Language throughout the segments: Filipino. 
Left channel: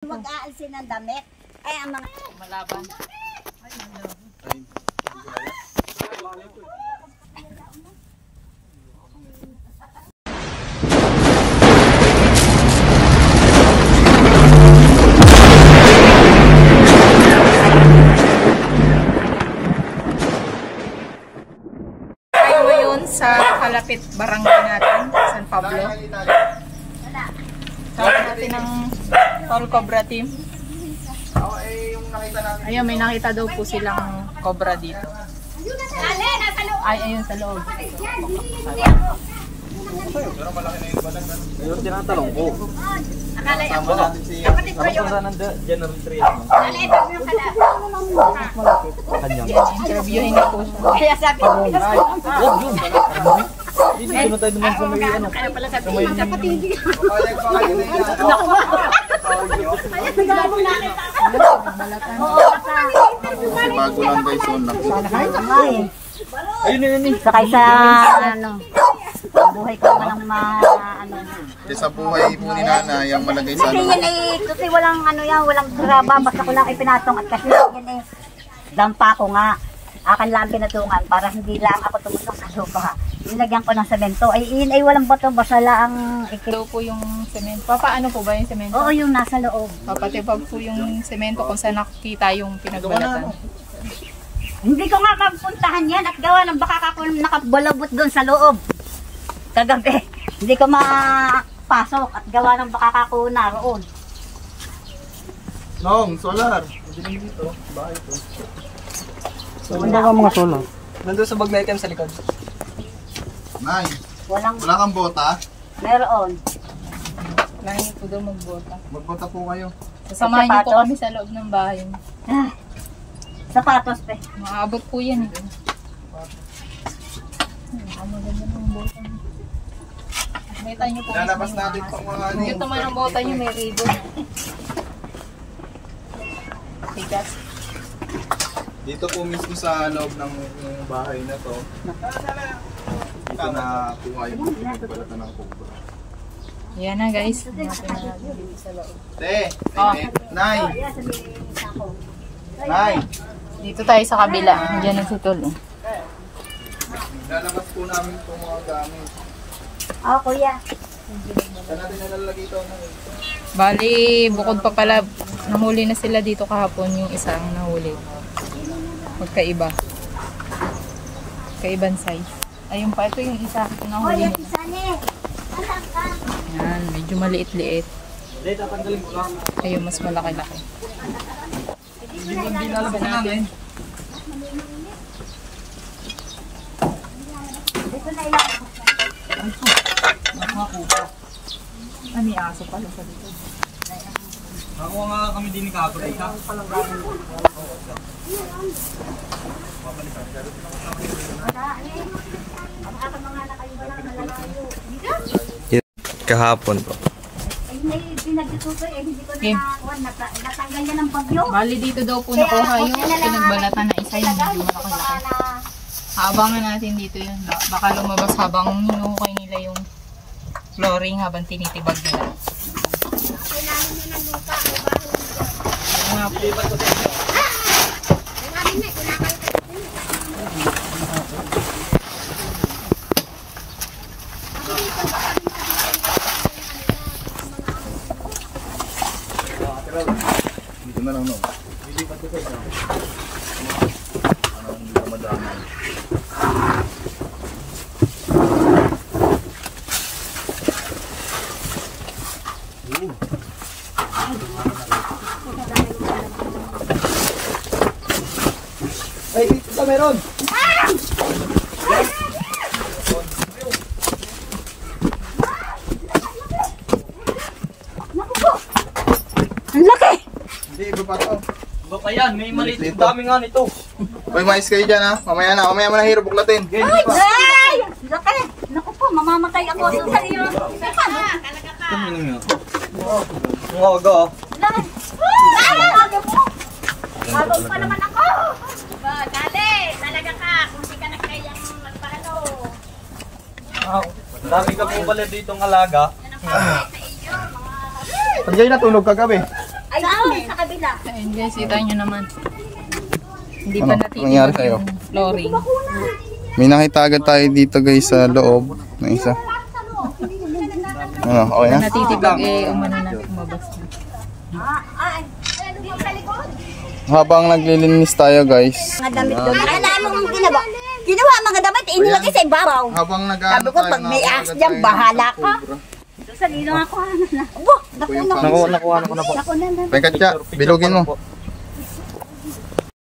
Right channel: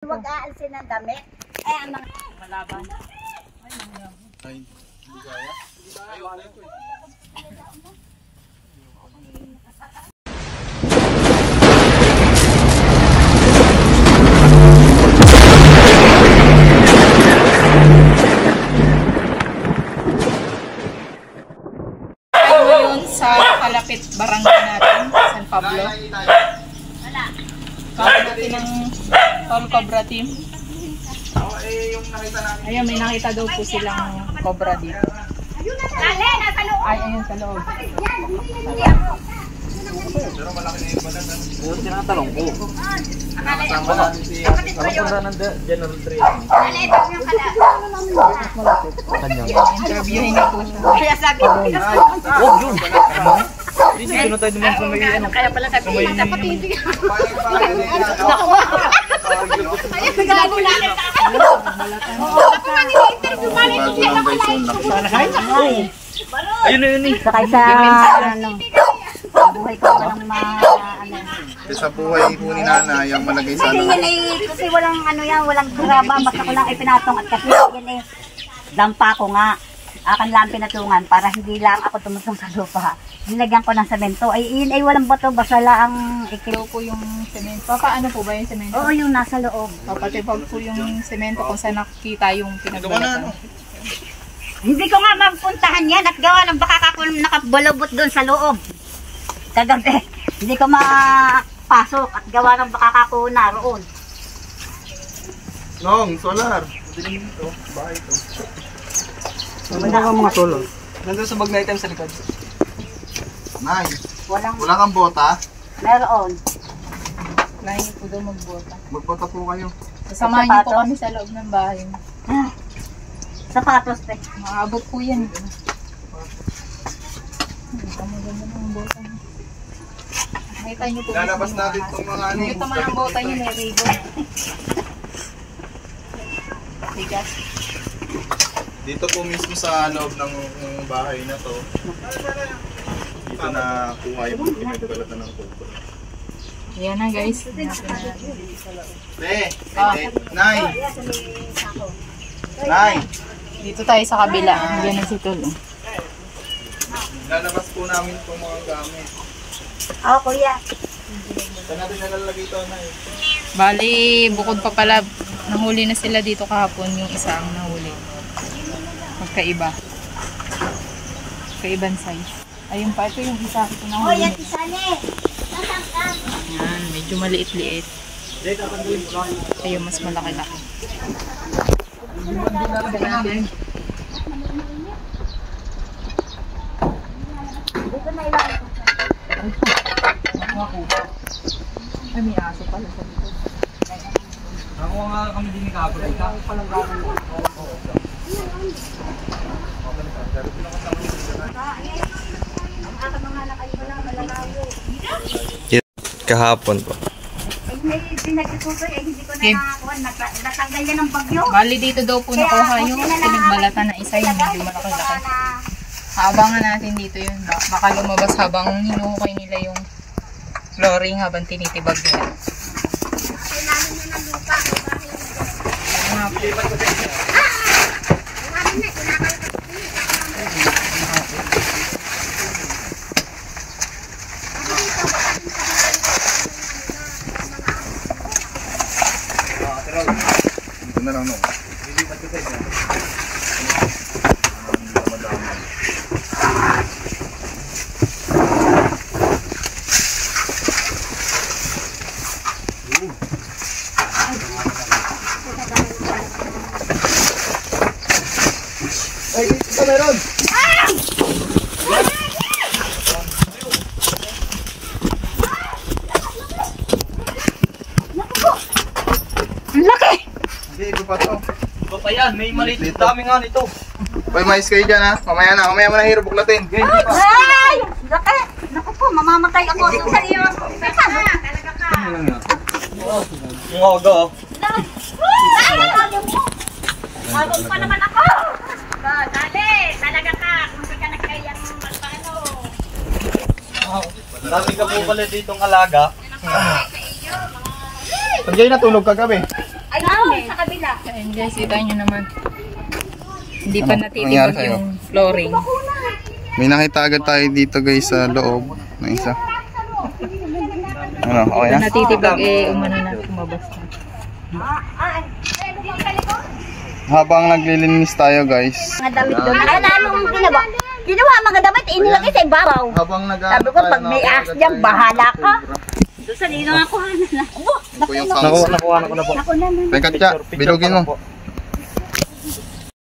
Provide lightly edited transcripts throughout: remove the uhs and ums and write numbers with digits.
Huwag aalsin ng damit. Ay, ang mga... Malaban. Ay, ngayon sa kalapit barangay natin, San Pablo. Kawin natin ng Tall Cobra team. Ayun, may nakita daw po silang cobra dito. Ay, ayun sa loob. Pero malaki na yung balat. Yung tinatanong ko. Akala yung kapatid ko yun. General 3. Akala ito yung kala. Yan, interviewin na po siya. Kaya sabi ko, Huwag yun. Hindi ko na tayo naman sa may ano. kaya pala sabi ko, kapatid. Payag pa kayo na yan. Bago lang guys yung laki. Ayun na yun eh. Sakay sa, ano, buhay ko walang ano. Sa buhay po ni Nana, yung malagay sa Kasi ano. yan kasi walang ano yan, walang graba, basta ko lang ipinatong at kasi yan dampa ko nga. Akan lang pinatungan para hindi lang ako tumusong sa lupa. Nilagyan ko ng semento. Ay, yun ay walang bato, basta lang Ito po yung semento. Paano po ba yung semento? Oo, yung nasa loob. Papatipag po yung semento kung saan nakikita yung pinagbalatan. Hindi ko nga mapuntahan yan at gawa ng baka ako nakabalabot doon sa loob. Kagabi, hindi ko mapasok at gawa ng baka ako naroon. Nong, solar. Hindi dito. Bahay ito. Wala kang mga solar. Nandun sa bag na item sa likod. Nay, Walang, wala kang bota? meron. Kailangan niyo po daw magbota. Magbota po kayo. Sasamahan niyo po Sapatos? kami sa loob ng bahay. Ah, sapatos pe. Maabot po yan. Ang maganda ng bota niyo. Nakita niyo po. Lalabas natin itong mga ano. Ito man ang bota niyo, may ribbon. Tigas. Dito po mismo sa loob ng bahay na to. Dito na kuha yung pinagbalatan ng kuko. Yan na guys. Hanapin na natin dito sa loob. Nay! Nay! Dito tayo sa kabila. Diyan na si Tol. Lalabas po namin itong mga gamit. Oo, kuya. Saan natin nalalagay ito, Nay? Bali, bukod pa pala, nahuli na sila dito kahapon yung isa ang nahuli. Magkaiba. Kaibang size. Ayun pa, ito yung isa. Ito nahuli nila. Yan, medyo maliit-liit. Ayun, mas malaki-laki. Hindi natin. Ay, may aso pala sa dito. Nakuha nga kami din ni Kapag. Kahapon po. Pinagtutuloy, hindi ko na nakakuha. Natanggal yan ng bagyo. Bali dito daw po nakuha yung pinagbalatan na isa yung medyo malaki-laki. Abangan natin dito yun. Baka lumabas habang hinuhukay nila yung flooring habang tinitibag nila. Kailangan niya ng lupa. Ano po? Dito na lang, no? Lilipat ko sa inyo. Hindi madama. Ay, dito ka meron! Ang laki! Hindi, iba pa to. Iba pa yan, may maliit. Dami nga nito. Well, mais kayo dyan, ha? Mamaya mo na hiro buklatin. Ay! Laki! Naku po, mamamatay ako sa iyo. Talaga ka. Ang aga ah. Habang pa naman ako! Dali! Talaga ka! Kung di ka nagkayang magpaano. Dami ka po pala ditong alaga. Pag kayo natulog kagabi. Ay, Ayun guys, kita nyo naman. Hindi pa Ano? Nangyari natitibag sa'yo? yung flooring. May nakita agad tayo dito guys sa loob na isa. Ano, okay na? Natitibag umano na kumabas na. Habang naglilinis tayo guys. Mga damit doon. Ano anong ginawa? Ginawa mga damit, inilagay sa ibabaw. Habang Sabi ko, pag may ahas dyan, bahala ka. Doon sa nilo nga kuha na na. Abo, Nakuha ko na po. naku na. Rekatya, bilugin mo.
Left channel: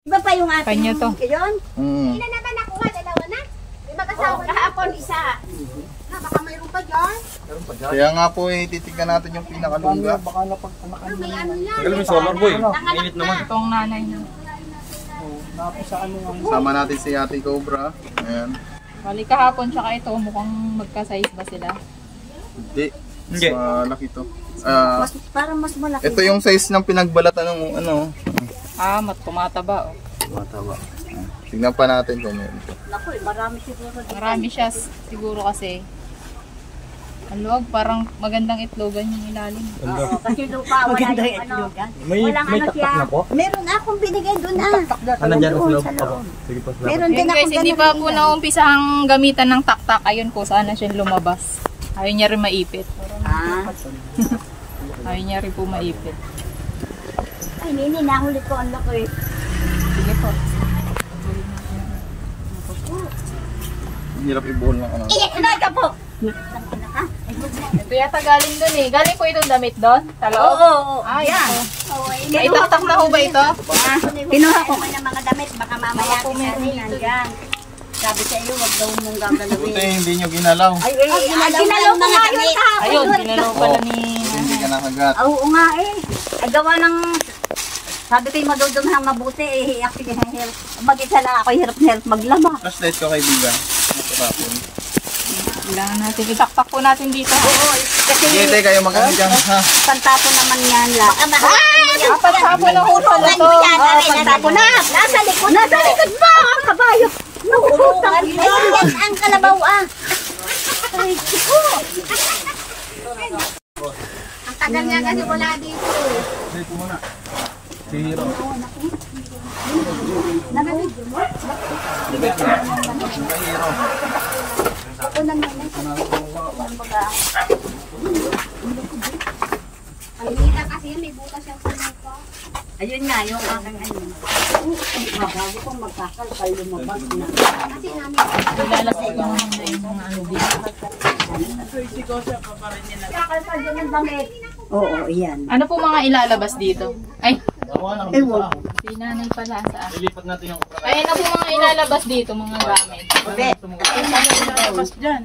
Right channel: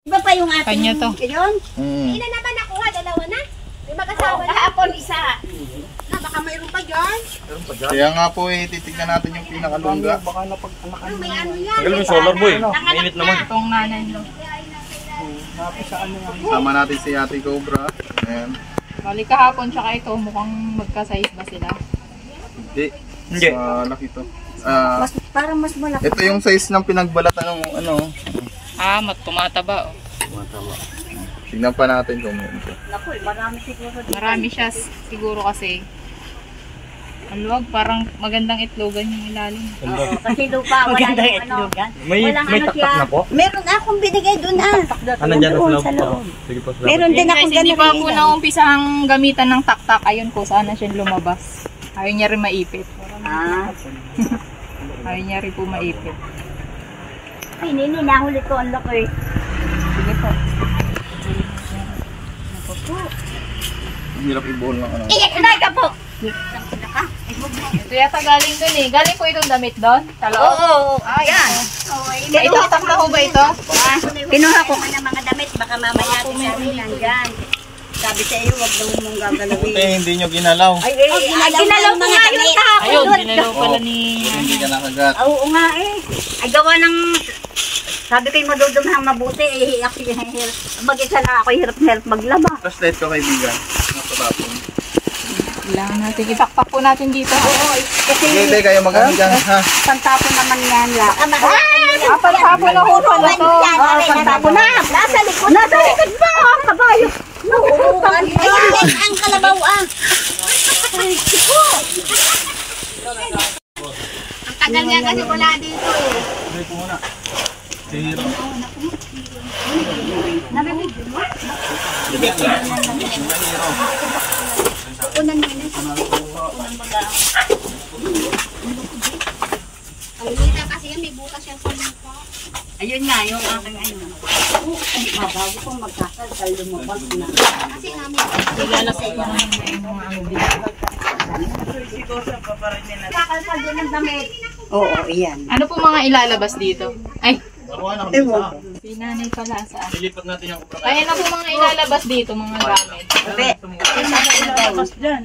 Iba pa yung ating... Kanya to. Yun? Ilan naman nakuha? Dalawa na? May mag-asawa na? Kahapon isa. Na, baka mayroon pa dyan. Kaya nga po titignan natin yung pinakalungga. Ano, may ano yan? Tagal mo solar boy. Mainit naman. Itong nanay nyo. Sama natin si Ate Cobra. Ayan. Bali kahapon tsaka ito, mukhang magka-size ba sila? Hindi. Hindi. Malaki to. Ah, Parang mas malaki. ito yung size ng pinagbalatan ng ano. Tumataba oh. Tignan pa natin kung meron to. Naku, marami siguro. Marami siya siguro kasi. Ang luwag, parang magandang itlogan yung ilalim. Kasi lupa, wala yung ano. May Walang taktak siya. na po? Meron akong binigay doon Ano dyan sa Doon loob sa pa po? loob. Sige po, salamat. Meron Yun din guys, akong hindi ganun pa po binigay. naumpisang gamitan ng taktak. Ayun ko, sana siya lumabas. Ayaw niya rin maipit. Ah. Ayaw niya rin po maipit. Ay, nini, nahuli ko ang laki. Sige po. Ang hirap ibuhol ng ano. Inay ka po! Ito yata galing dun eh. Galing po itong damit doon? Sa loob? Oo, Ay, yan. ako. Ay, taktak na ho ba ito? Pinuha ko ng mga damit, baka mamaya po meron dito. nandyan. Sabi sa iyo, wag daw mong Buti gagalawin. hindi nyo ginalaw. Ay, ginalaw ko nga yun kahapon. Ayun, ginalaw pala ni... Hindi ka nakagat. Oo nga eh. Ay, gawa ng... Sabi ko yung madudumhang mabuti eh. Ako yung hirap. Mag-isa lang ako, hirap na hirap maglaba. Flashlight ko kaibigan. Matapon. Kailangan natin. Itaktak po natin dito. Oo, kasi Sige, kayo mag-ano dyan ha. pantapon naman yan lang. Pagpapo na ho pala to. Pantapon na. Nasa likod. Nasa likod ba? Ang kabayo. Ayun, ang kalabaw ah. Ang tagal nga kasi wala dito eh. Tira. Unan mo yun. Ang hina kasi yan, may butas yan sa mukha. Ayun nga, yung aking ano. Bago kong magkakal, lumabas na. Kasi namin. Ilalagay ko naman na yung mga ano dito. Kakalkal doon ng damit. Oo, iyan. Ano po mga ilalabas dito? Ay, Ewan. si nanay pala saan? Ilipat natin yung Ay, ano po mga ilalabas dito, mga gamit? Be.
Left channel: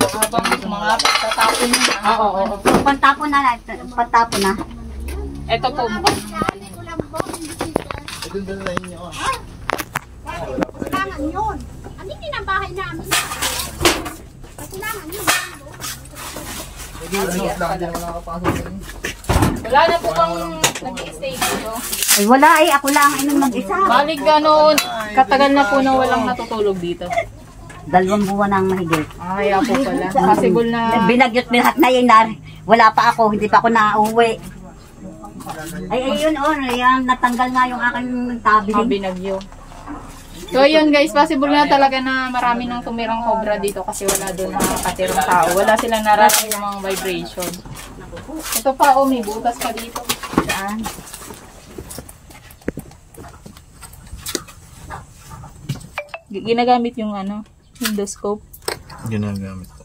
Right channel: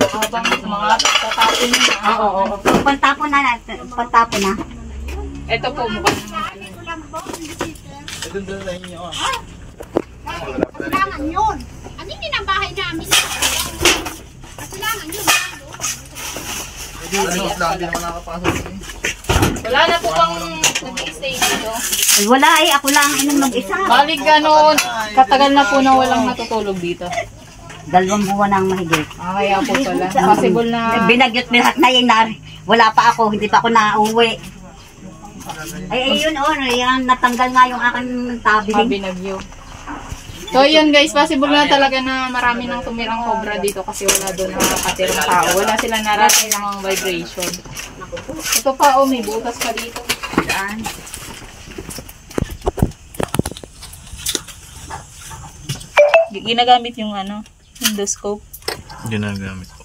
Habang mga tatapon nyo na. Oo. Pantapon na natin. Pantapon na. Ito po, mukhang Ito doon na inyo ah. Kailangan yun. Ano yun ang bahay namin? Kailangan yun. Ano, lang din naman nakapasok din. wala na po bang nag-i-stay dito. Ay, wala eh. Ako lang inom mag-isa. Balik gano'n, katagal na po na walang natutulog dito. 2 buwan ang mahigit. Kaya po pala. Possible na Binagyot lahat na yun. Wala pa ako. Hindi pa ako nauwi. Ay, ayun oh. Yan, natanggal nga yung aking tabi. binagyo. So yun guys, possible na talaga na marami nang tumirang cobra dito kasi wala doon nakakatirang tao. Wala sila nararamdamang vibration. Ito pa oh, may butas pa dito. Saan? Ginagamit yung ano, endoscope. Ginagamit ko.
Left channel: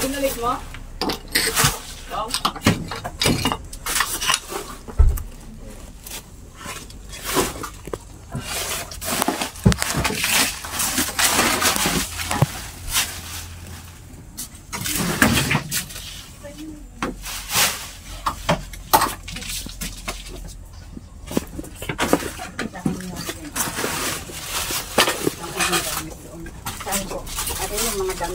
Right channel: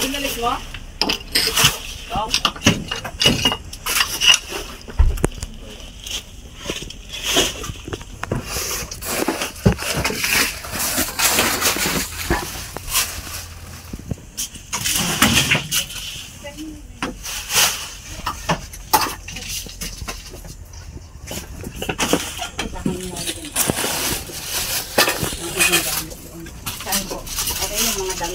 Ginalit mo?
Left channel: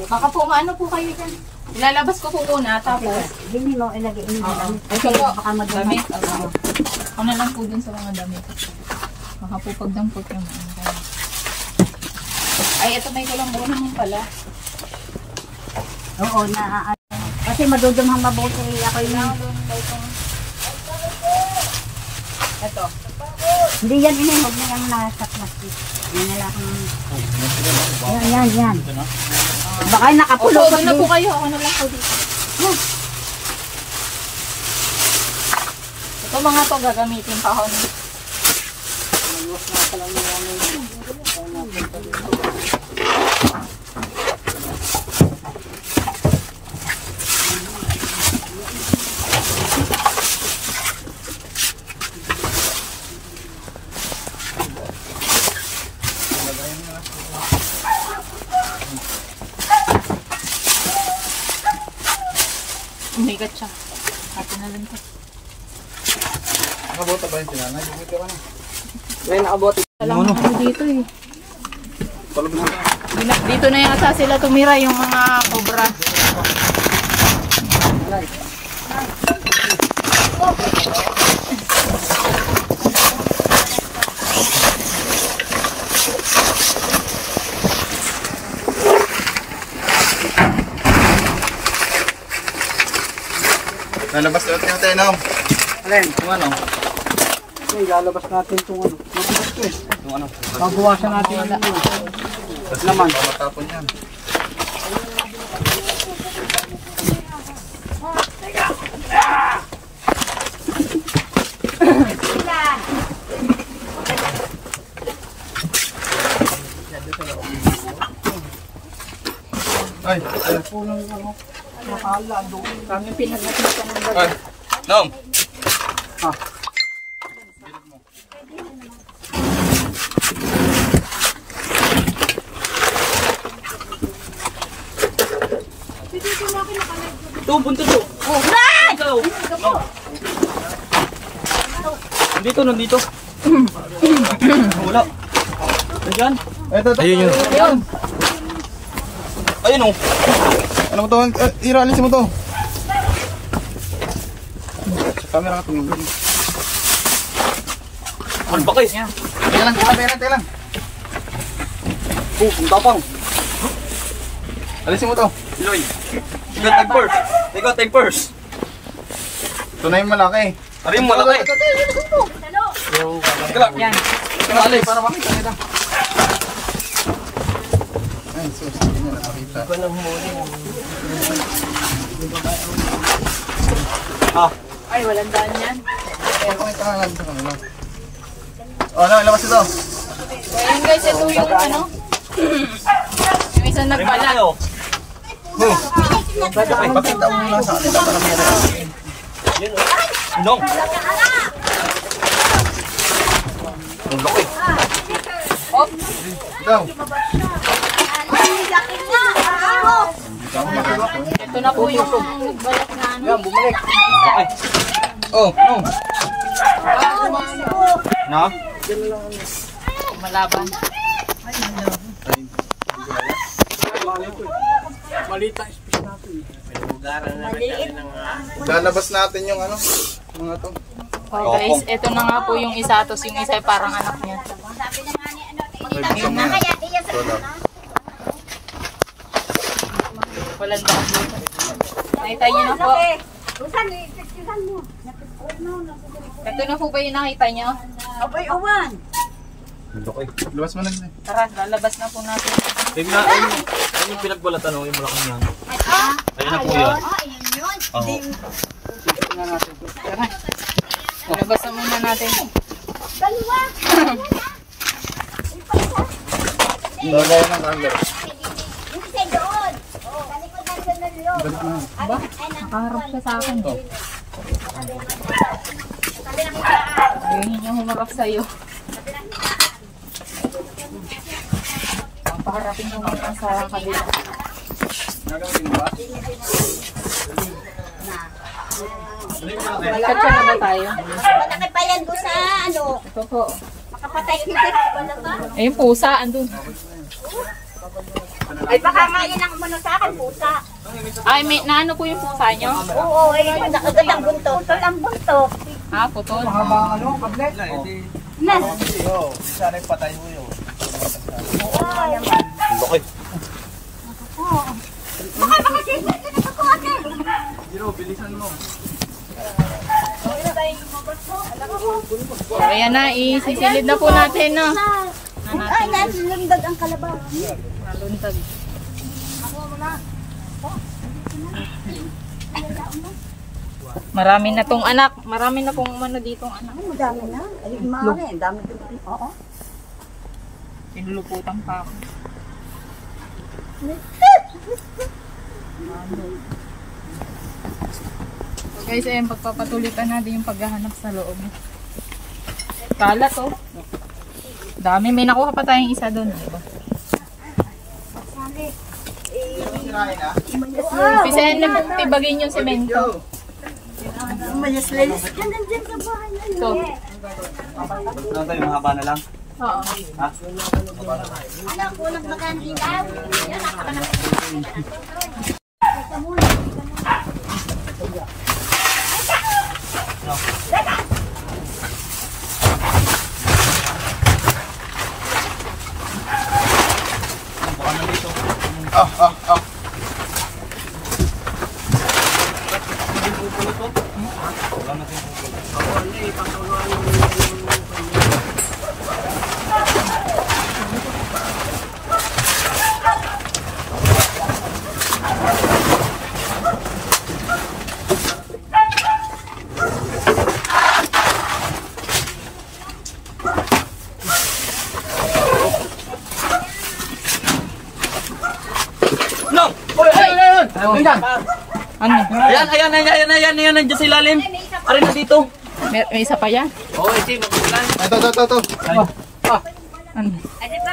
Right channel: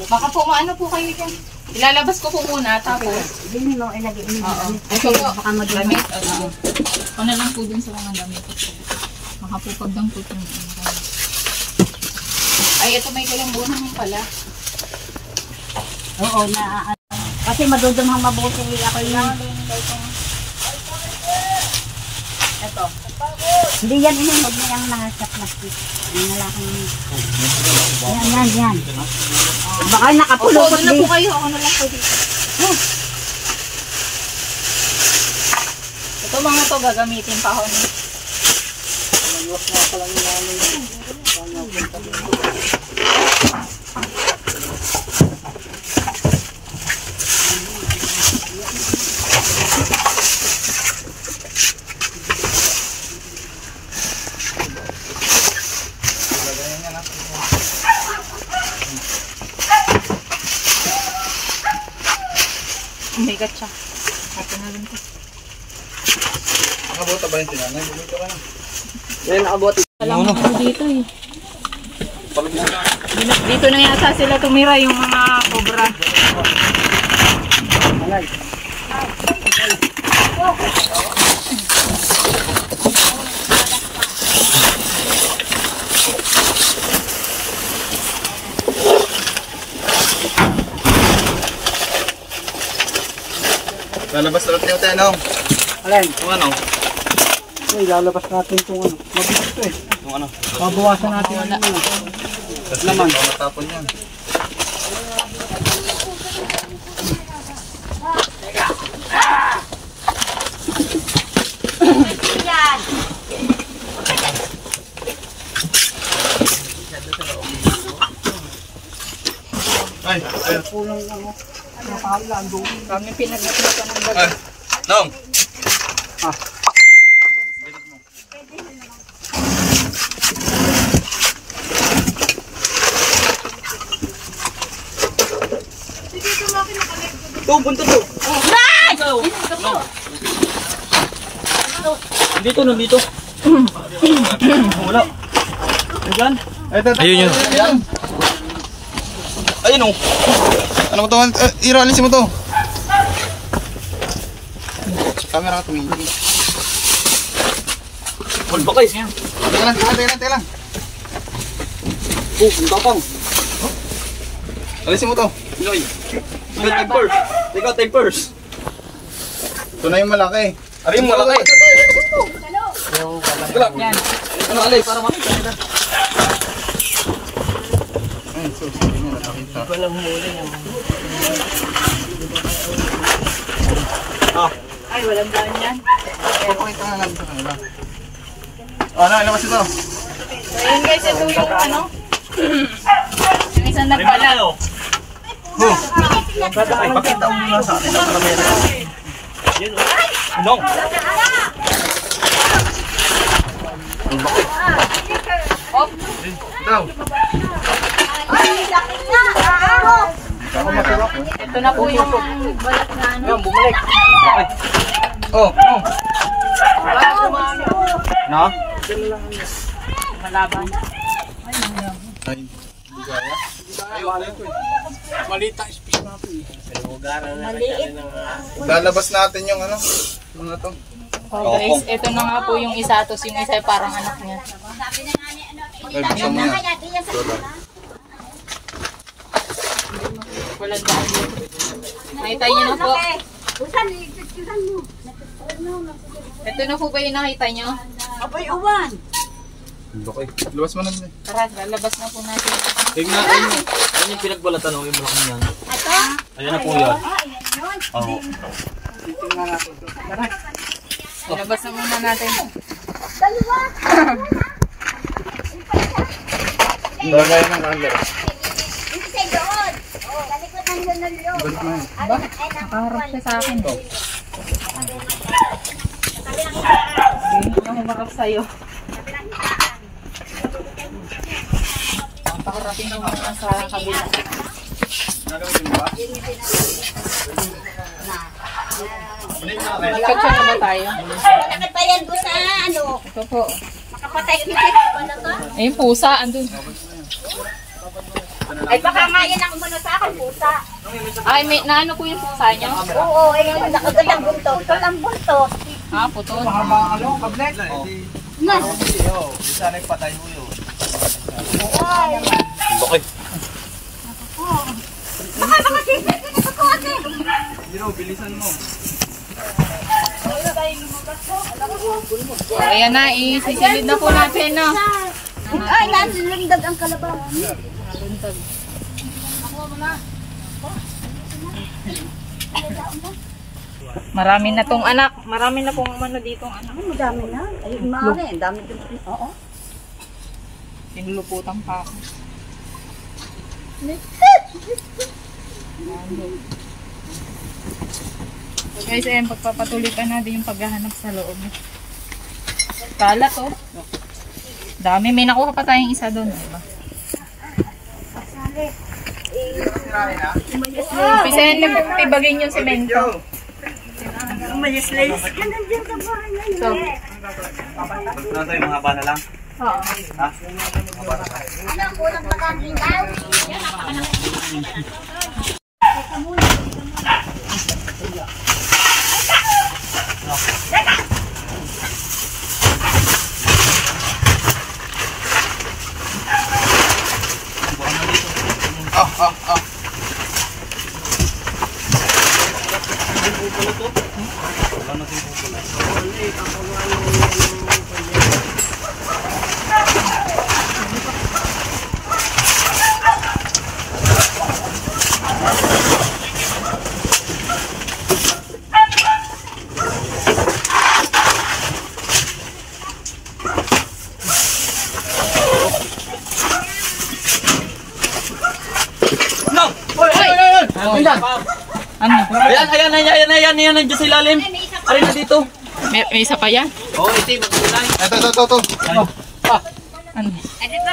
Baka po maano po kayo dyan. Ilalabas ko po muna tapos Hindi mo ilagay yung damit. ito po, Baka madumi. damit. Ano lang po dun sa mga damit. Baka po pagdampot yung ano. Ay, ito may kulang naman pala. Oo, kasi madudumhang mabuti ako yung... Ito. Hindi yan huwag na yung nasa plastic. Yan na lang ang... Yan. Baka nakapulot. Opo, doon na po kayo. Ako na lang po dito. Ito mga to gagamitin pa ako. Umigat siya. Atin na rin to. Nakabota ba yung tinanay? Bumito ka na. Alam mo dito eh. Dito na yata sila tumira yung mga cobra. Nalabas na natin natin, no? Alin? Kung ano? Ay, lalabas natin itong ano. Mabilis ito eh. Kung ano? Babawasan natin yung ano. Tapos naman. Matapon yan. Ay, Kami pinagnatin ng baga. ay, Nong! Ito, buntot to. Nandito, nandito. Wala. Ayan. Ito. Ayun yun. Ayun o. Ano mo to? Ira, alisin mo to. Sa camera ka tumingin. Malbakay. Teka lang. Oh, ang tapang. Alisin mo to. Iloy. Ikaw, take first. Ikaw, take first. Ito na yung malaki. Ari yung malaki. Teka lang. Yan. Ikaw, Alex. Para makita nila. Ay, so, sige na nakita. Ay, walang daan yan. Okay, ka lang sa kanila. Oh, labas ito. So, ayun guys, ito yung ano. Yung isang nagbalat. Pakita mo muna sa kanila para meron. Nong. Ang laki. Op. Ikaw. Ito na po yung nagbalat na ano. Yan, bumalik. Laki. Oh, no. Na? Malaban. Lalabas natin yung ano. Mga to. Okay guys, ito na nga po yung isa. Tapos yung isa ay parang anak niya. Ay, buksan mo yan. Walang daan dito. Nakita niyo na po. Ito na po ba yung nakita niyo? Ang laki. Labas mo na din. Tara, lalabas na po natin. Tignan, ayun yung pinagbalatan o, yung malaking yan. Ayan na po yan. Oo. Lalabas na muna natin. Dagay ng camera. Nakaharap siya sa akin. Hindi niya humarap sa'yo. Paharapin mo muna sa kabila. Nagkatsa na ba tayo? Malaki pa yan doon sa ano. Ito po. Makapatay ko na to. Ayun, pusa. Andun. Ay baka nga yan ang umano sa akin, pusa. Ay, may naano po yung pusa nyo? Oo, ay nakagat ang buntot. Tol ang buntot. Ah, putol. Na. Sana yung patay mo yun. Ang laki. Jiro, bilisan mo. So, ayan na, isisilid na po natin, no? Ay, nasilundag ang kalabaw. Nalundag. Marami na tong anak. Marami na pong ano dito ang anak. Ang dami na. Ay, mahal eh. Ang dami din. Oo. Sinuluputan pa ako. So guys, ayan, pagpapatuloy pa natin yung paghahanap sa loob. Kalat, oh. Dami. May nakuha pa tayong isa doon, diba? Pisahan na tibagin yung semento. So, Ano yung mahaba na lang? oo. Ang unang magandang daw. Yan, Ano? Ayan, nandiyan sa ilalim. Aray na dito. May isa pa yan? Oo, ito, magkukulan. Ito. Ano?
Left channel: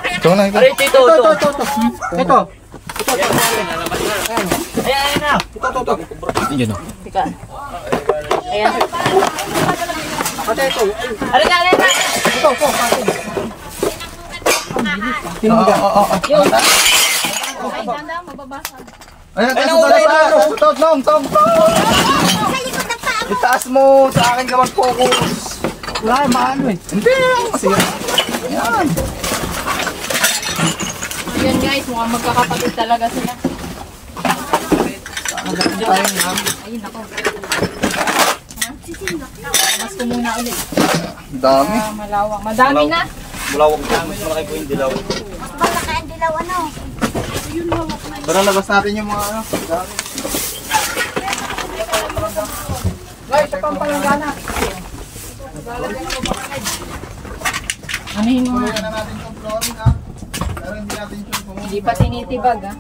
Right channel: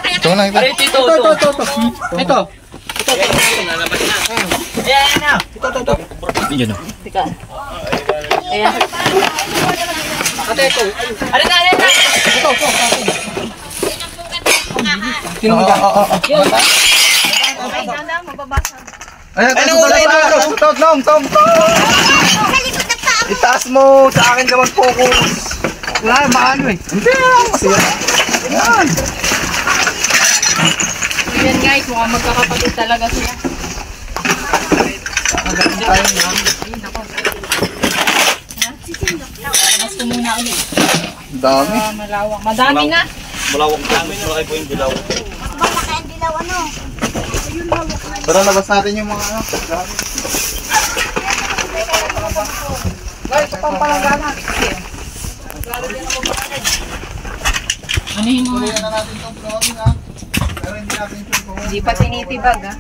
Ito na, ito. Aray, ito. Ito. Ayan na. Yun o. Tika. Ayan. Aray na. Ay, danda, mababasag. Ayan, Tom. Itaas mo, sa akin ka mag-focus. Wala, maano eh. Hindi lang, kasi yan. So yan guys, mukhang magkakapatid talaga sila. Ayun ako. Mas ko muna ulit. Ang dami. Malawak. Madami na. Malawak po. Malaki po yung dilaw. Mas malaki ang dilaw, ano? Pero labas natin yung mga ano. Dami. Ano yung mga? Kaya na natin itong flooring ha. Pero hindi natin ito flooring. Hindi pa tinitibag ah.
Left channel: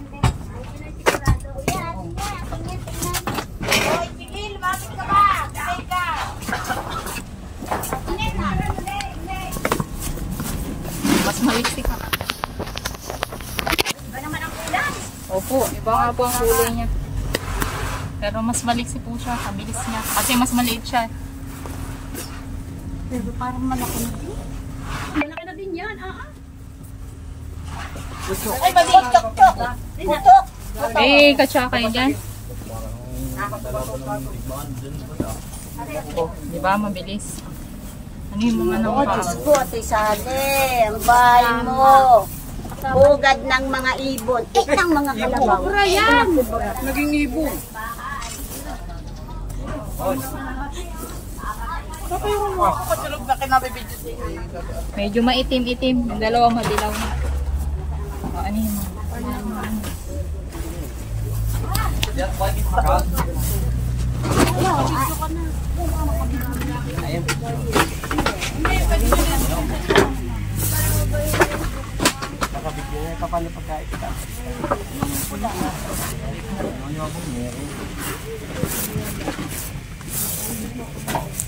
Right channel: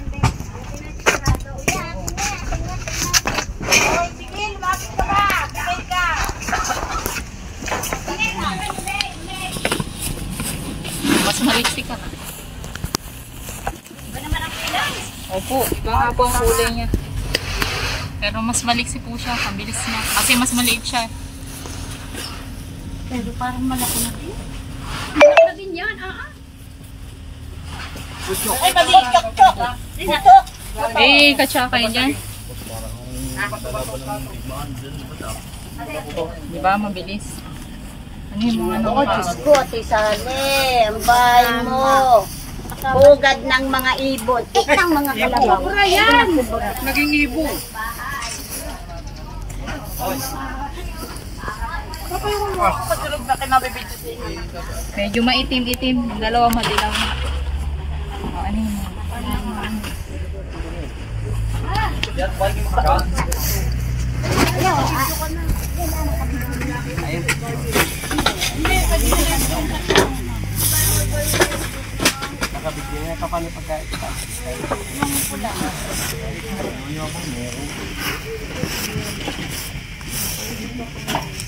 Mas maliksi ka na. Opo, iba nga po ang kulay niya. Pero mas maliksi po siya, mabilis na. Kasi mas maliit siya. Pero parang malaki na din. Malaki na din yan, Ay, maliit tok. Tok. Eh, katsaka kayo dyan. Oh, di ba? Mabilis. Ano yung mga Oo, Diyos ko, Ate Sale. Ang bahay mo. Hugad ng mga ibon. Ng mga kalabaw. Ayan. Naging ibon. medyo maitim-itim. Dalawa madilaw na. Oh, ano yung mga?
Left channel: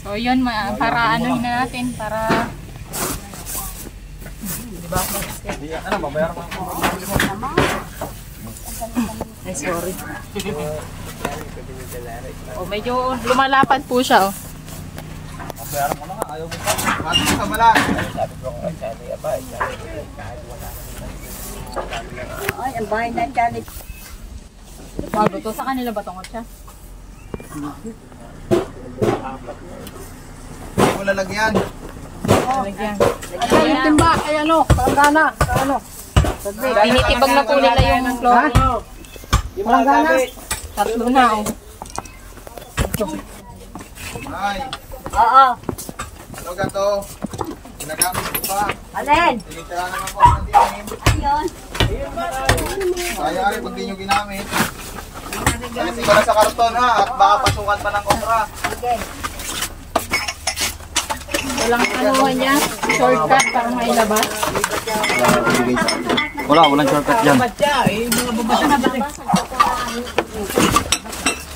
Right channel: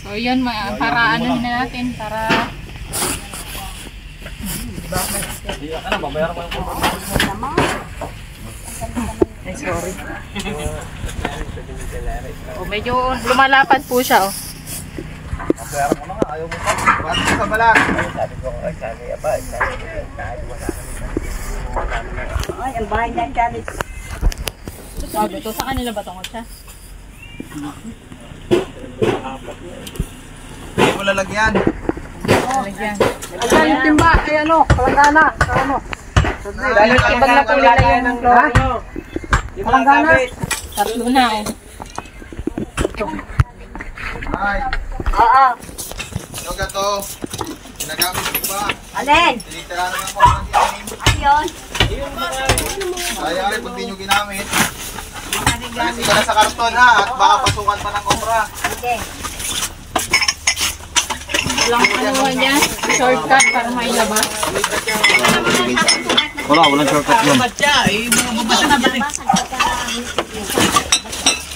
So yun, para ano na natin, para Ano, babayaran mo yung ay sorry. Oh, medyo lumalapad po siya oh. Bayaran mo na nga, ayaw mo pa. Bakit ka balag? Ay, ang bahay na Charlie. Bago to, sa kanila ba tungkol siya? Hindi mo lalagyan. Lalagyan. Ayan yung timba. Ay ano, palanggana. Ano? Tinitibag na po nila yung flooring. Palanggana. Tatlo na, oh. Ay, Oo. ano ka to? Ginagamit ko ba? Alin? Tinitira naman ko ang game. Ayun. Kaya rin pag di nyo ginamit. Alisin ko na sa karton ha, at baka pasukan pa ng cobra. Sige. Walang ano yan, shortcut para mailabas. Walang shortcut yan.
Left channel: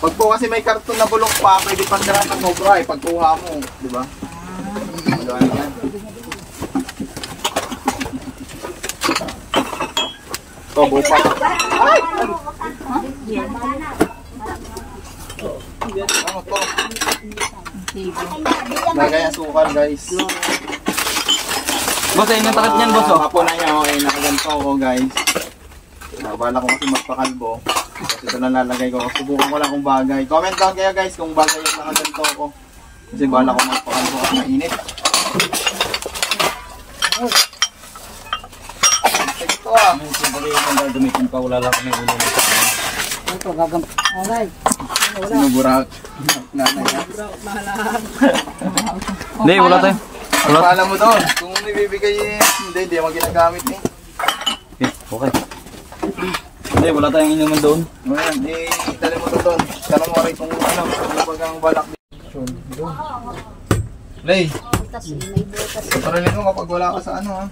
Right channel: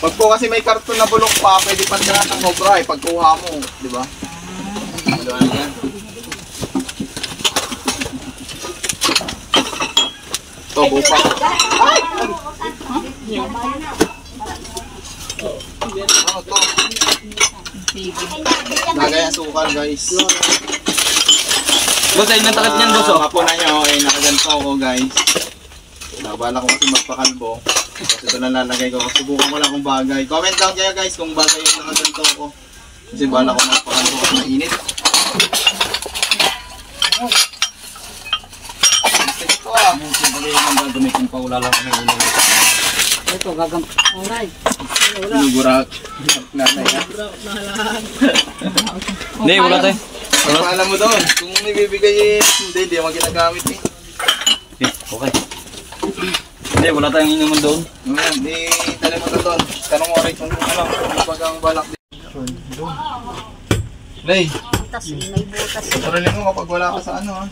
Pag po kasi may karton na bulok pa, pwede pandara ng cobra eh, pagkuha mo, di ba? Wala na yan. Ito, bupa. Ano to? Sige. Lagay ang sukal guys. Boss, ayun ang takip niyan, boss. Oh. Mapo na niya, okay, nakaganto ako guys. Bala ko kasi magpakalbo. Tapos ito lang lalagay ko. Subukan ko lang kung bagay. Comment down kayo guys kung bagay yung nakaganto ko. Kasi bala ko magpakalbo kasi mainit. Sige to ah. Siyempre yung dumikin pa, wala lang kami ulo. Ito, gaganto. Alay. Sinuburak. Nanay ha. Hindi, wala tayo. Ang paalam mo doon. Kung ibibigay hindi mo ginagamit eh. Okay. Hindi, wala tayong inuman doon. Ngayon, itali mo to doon. Tanong mo rin kung ano, kung pag ang balak doon. Lay, Butas, may butas. parilin mo kapag wala ka sa ano ha.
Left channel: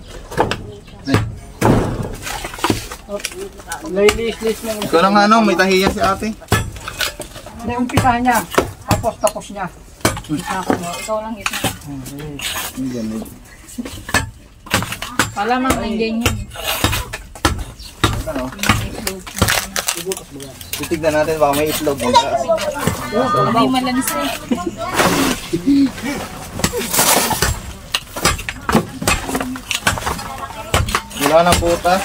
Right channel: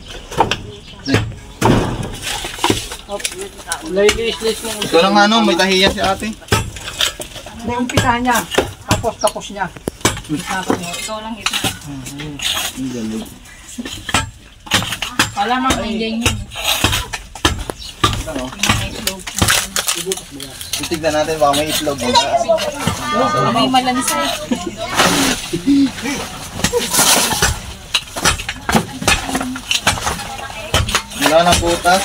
Ladies lang. Ito lang ano, may tahiya si ate. May umpisa niya. Tapos niya. Ikaw lang ito. Hindi. Wala mang nandiyan yun. Ano? Titignan natin baka may itlog. May malansa eh. Wala ng butas.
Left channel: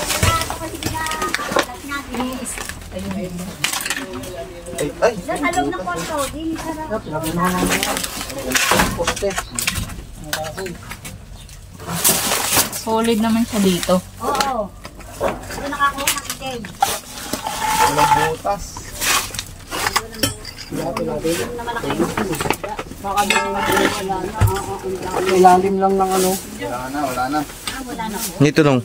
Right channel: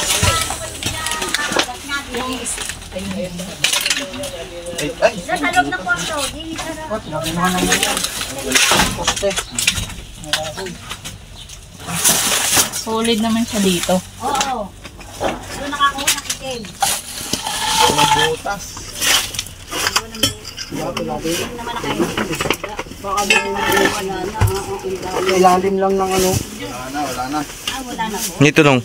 Ay, Sa loob ng kwarto, di sarap. Solid naman siya dito. Oo. Doon nakakuha ng itim. walang butas. Itim naman nakaitim. Baka doon wala na. Oo, Ilalim lang ng ano. Wala na. wala na po. Dito lang.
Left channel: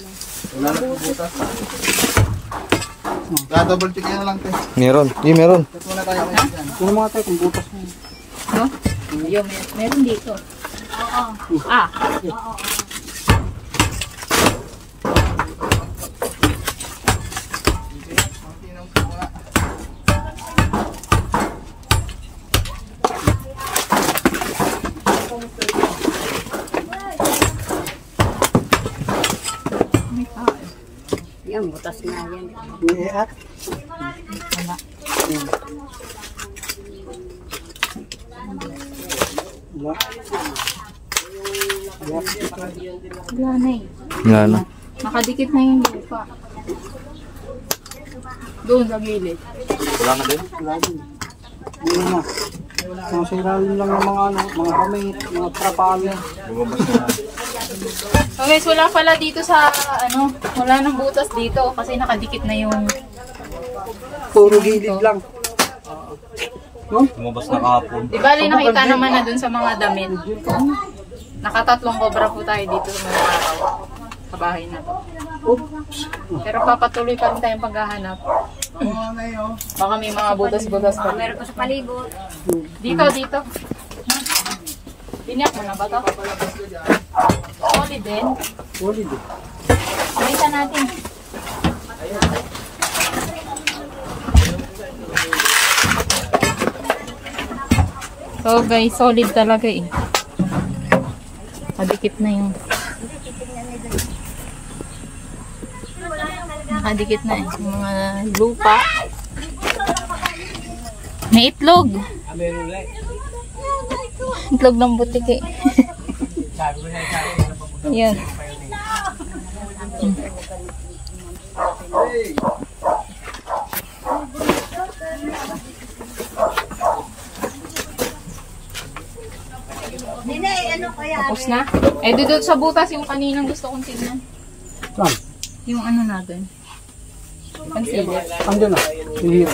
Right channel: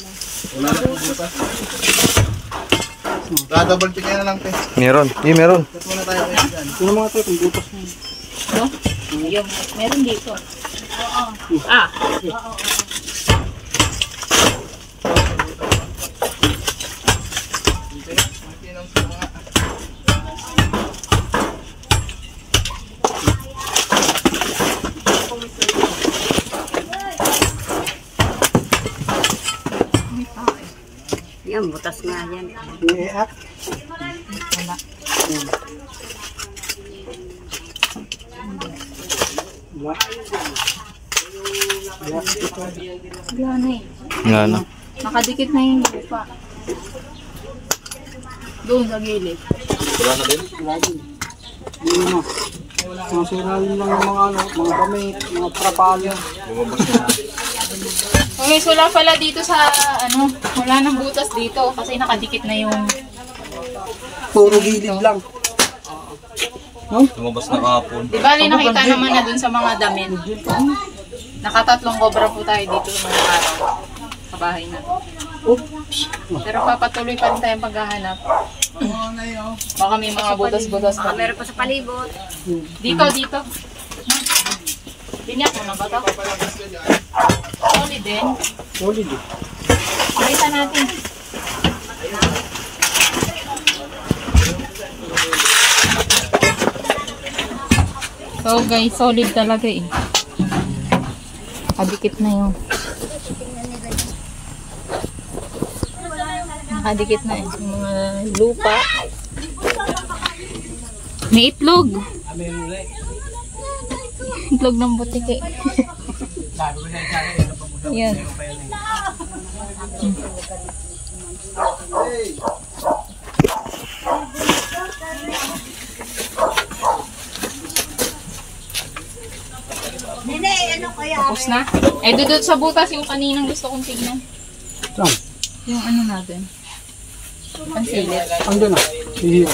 Wala na ng butas. Double check na lang te. Meron. Hindi, meron. Ito muna tayo kayo dyan. Yung mga tayo, kung butas na yun. No? Ayun, meron dito. Ah, Yan, butas nga yan. May i-act. Wala. wala na eh. Wala na. Nakadikit na yung lupa. Doon sa gilid. Wala na din? Wala din. Hindi na. Mga siralim lang ng mga ano, mga kamay, mga trapalyo. Bumabas na. So guys, wala pala dito sa ano, wala nang butas dito kasi nakadikit na yung Puro gilid lang. No? Lumabas na kahapon. di bali nakita naman na dun sa mga damit. Nakatatlong cobra po tayo dito sa mga araw sa bahay na to. Pero papatuloy pa rin tayong paghahanap. Baka may mga butas-butas pa. Meron pa sa palibot. Dito. Binyak mo na ba to? Solid din. Solid eh. Pakita natin. So guys, solid talaga eh. Nakadikit na yung nakadikit na yung mga lupa. May itlog. Itlog ng butik eh. Yan. Nene, ano kaya? Tapos na. Eh, dudot sa butas yung kaninang gusto kong tingnan. Saan? Yung ano natin. Pansilit. Andun na. Iya.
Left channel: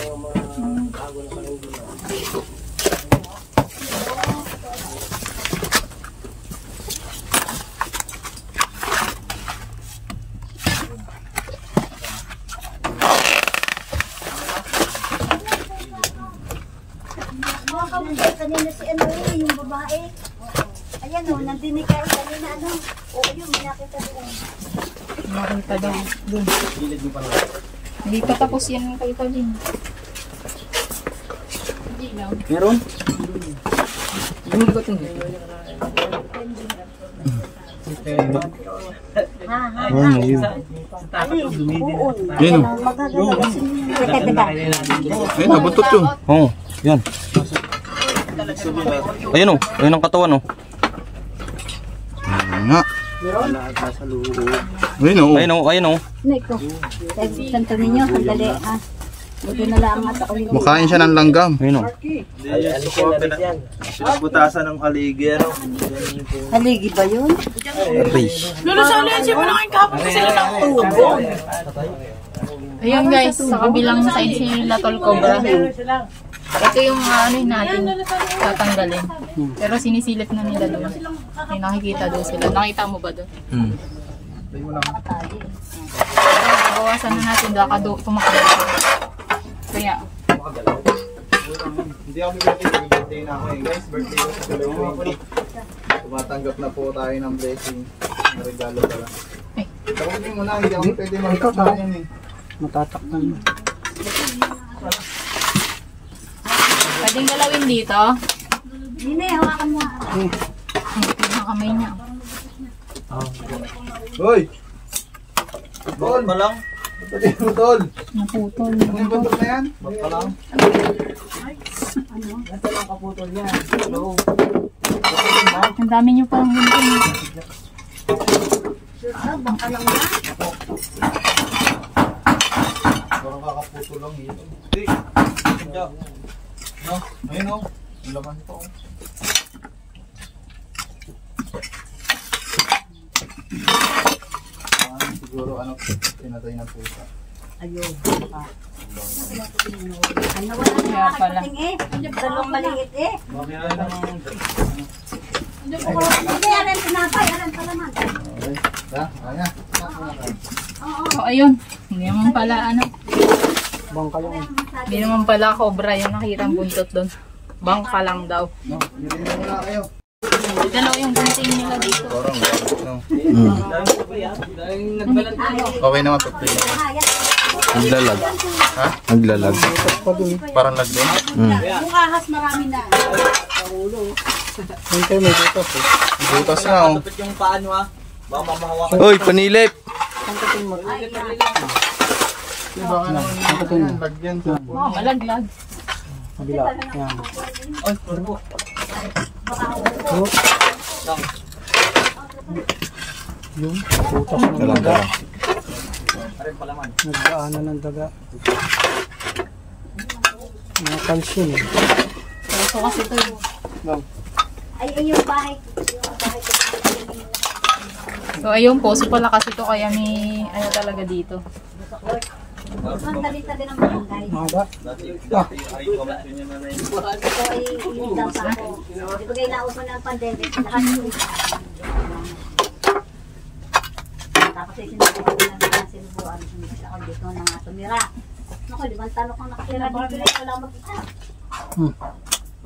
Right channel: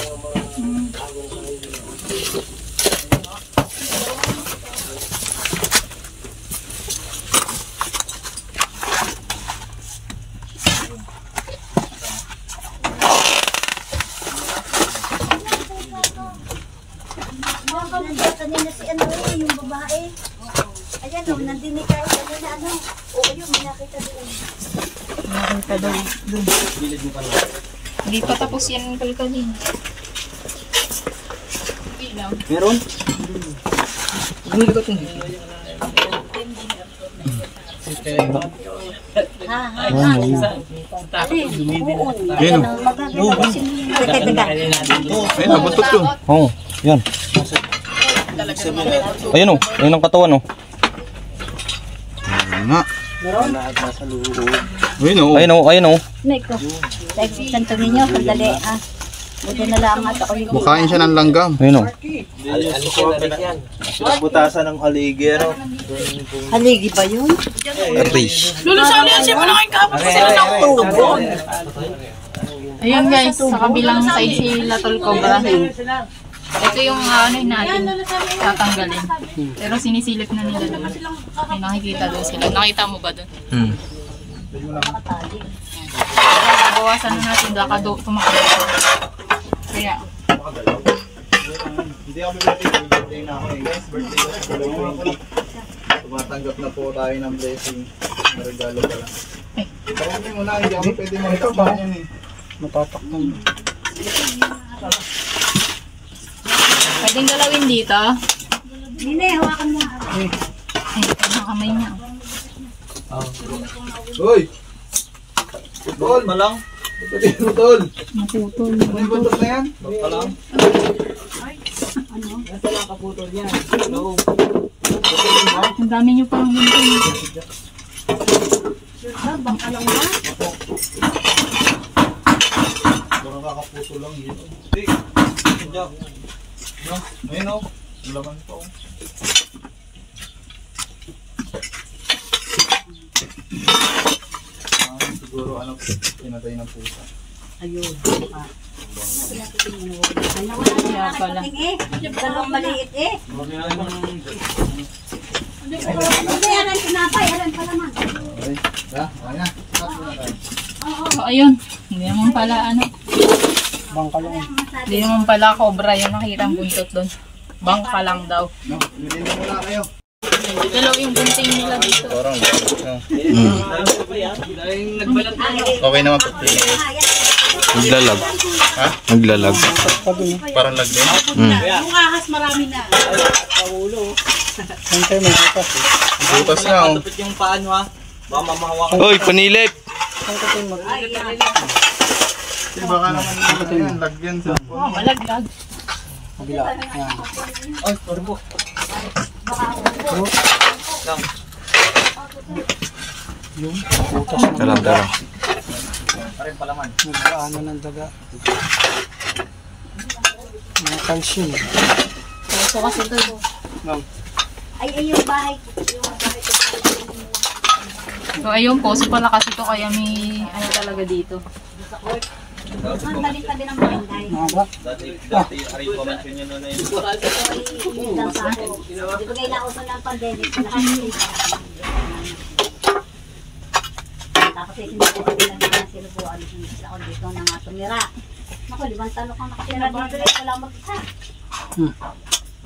Kanina si ano yung babae. Ayan o, nandini kayo kanina ano. Oo yun, may nakita doon. Nakita doon. Hindi pa tapos yan ang kalkalin. Hindi lang. Meron? Hindi ko ito. Oo. Ayan o, magagalaw kasi nila. Ayun, nabutot yun. Oo, yan. Ayun o, ayun ang katawan o. Ayun nga. Ayun o. Ayun o, ayun o. Neko, santo ninyo, sandali ha. Buti na lang at ako yung Makain siya ng langgam. Ayun o. Butasan ng aligero. haligi ba yun? Rish. Ayan guys, sa kabilang side si Latol Cobra. Ito yung ano natin tatanggalin. Pero sinisilip na nila doon. May nakikita doon sila. Nakita mo ba doon? Bawasan na natin baka tumakbo. Kaya Hindi ako birthday na ako eh. Guys, birthday ko sa July 20. Tumatanggap na po tayo ng blessing. Na regalo pala. Tawagin mo na, hindi ako pwede magtakpan yan eh. Matatakpan. pwedeng galawin dito. Hindi, hawakan mo. Ay, ang kamay niya. Hoy! Tol! Malang? Pwede mo tol! Naputol. May buntot na yan? Malang? Ang dami niyo pang gunting. Parang kakaputo lang yun. Hindi! Hindi! No? Ayun o. Laman pa o. Siguro ano, pinatay ng pusa. Ayun. Ano wala na Kaya pala. nakapating eh. Dalawang maliit eh. Hindi, aran pinapay. Aran pala man. Okay. Ha? Okay na. Cut muna tayo. So ayun, hindi naman pala ano. Bangka lang. Hindi naman pala cobra yung nakita ang buntot doon. Bangka lang daw. No, bilhin mo muna kayo. Dalaw yung bunting nila dito. Parang no. Okay naman po. Naglalag. Ha? Naglalag. Parang lag din. Hintay, may butas eh. Butas na oh. Uy, panilip! Kasi baka naman yan, lag yan sa Oh, malaglag. Kabila. Yan. Yung butas na. Dalang. Nagdaanan ng daga. Mga calcium eh. So kasi ito. Ay, yung bahay ko. So ayun po, so pala kasi ito kaya may ano talaga dito. Ang tabi-tabi ng barangay. Mga ba? Di ba kayo nauso na ang pandemic? Nakasinig. Tapos ay sinasabi lang na sinubuan. Sinubuan ako dito na nga tumira. Naku, 5 taon akong nakatira dito rin. Wala mag-isa.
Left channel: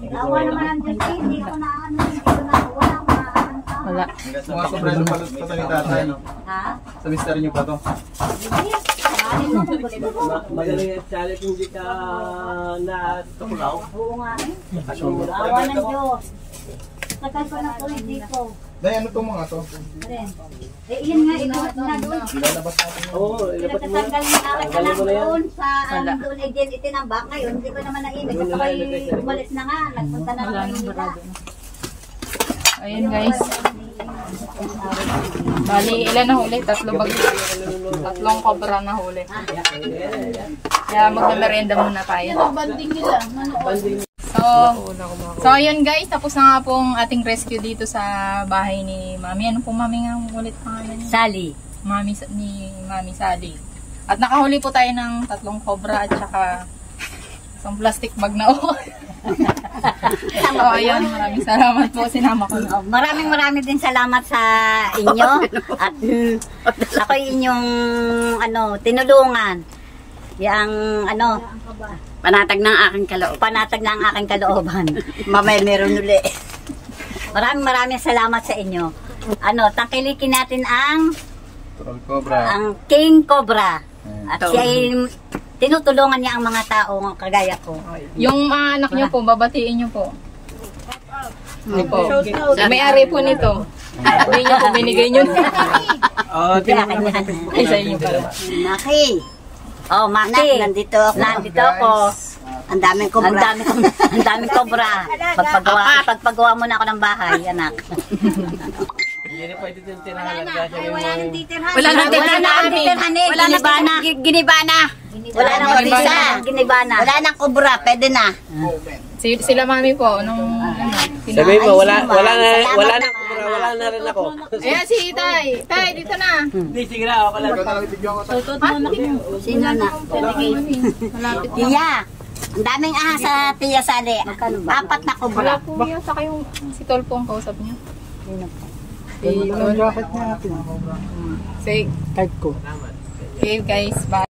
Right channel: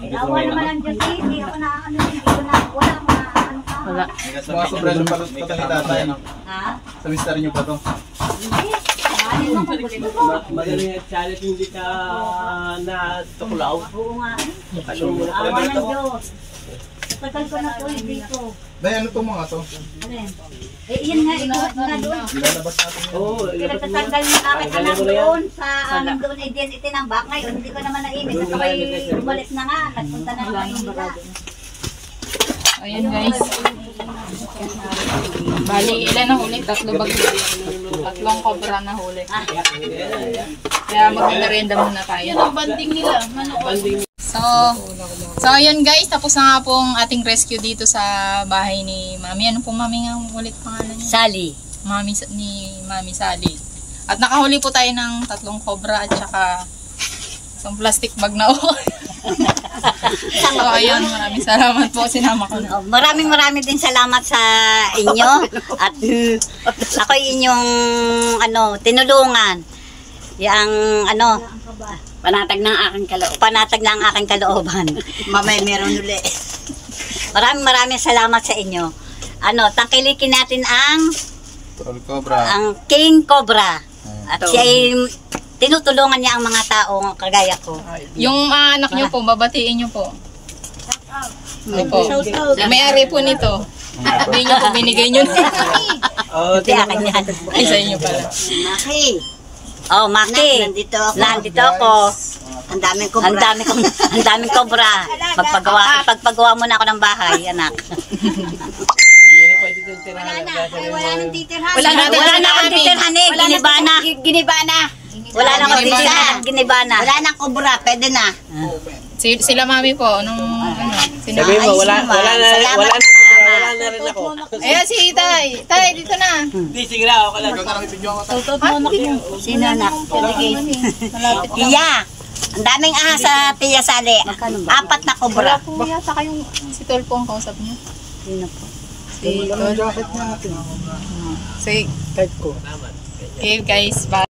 Awa naman ang Diyos eh. Hindi ako naaano. Hindi ko na, wala akong naaano ka. Wala. Mga sobrang balot pa kami tatay. Ha? Sa mister nyo pa to. Hindi. Mahalin mo kung gusto mo. Magaling at challenge hindi ka natutulaw. Oo nga eh. Awa ng Diyos. Tagal ko na to dito. Day, ano itong mga to? Eh, yun nga, ikuhat nga doon. Ilalabas natin yun. Oo, Pinagtatanggal yung aking anak doon sa doon ay din itinambak. Ngayon, hindi ko naman naimig. At ako'y umalis na nga. Nagpunta na naman yung iba. Ayun guys. Bali, ilan na huli? Tatlong cobra na huli. Kaya mag-merienda muna tayo. Yan ang banding nila. So ayun guys, tapos na nga pong ating rescue dito sa bahay ni Mami. Ano pong Mami nga ulit pangalan niya? Sally. Mami ni Mami Sally. At nakahuli po tayo ng 3 cobra at saka Isang plastic bag na ako. So, ayun, maraming salamat po. Sinama ko na. Oh, maraming din salamat sa inyo at ako inyong tinulungan. Yang panatag ng aking kalooban. Mamaya meron uli. Maraming salamat sa inyo. Tangkilikin natin ang King Cobra. At siya ay tinutulungan niya ang mga tao kagaya ko. Yung anak niyo po, babatiin niyo po. Opo. May-ari po nito. Hindi niyo po, binigay niyo na. Hindi akin yan. Ay, sa inyo pala. Maki. Oh, Maki. Nandito ako. Ang daming cobra. Pagpagawa mo na ako ng bahay, anak. Wala na akong titirhan eh. Ginibana. Wala na akong titirhan. Ginibana. Wala nang cobra. Pwede na. Sila mami po, nung Sabi mo, wala na rin ako. Ayan si Tay. Tay, dito na. Hindi, sige na, ako lang. Ikaw na lang ibigyan ko. Tutot mo anak mo. Sino anak? Iya. Ang daming ahas sa Tia Sali. 4 na cobra. Wala po yata kayong si Tol po ang kausap niyo. Sino po? Si Tol. Jacket natin. Sige. Kahit ko. Okay guys, bye.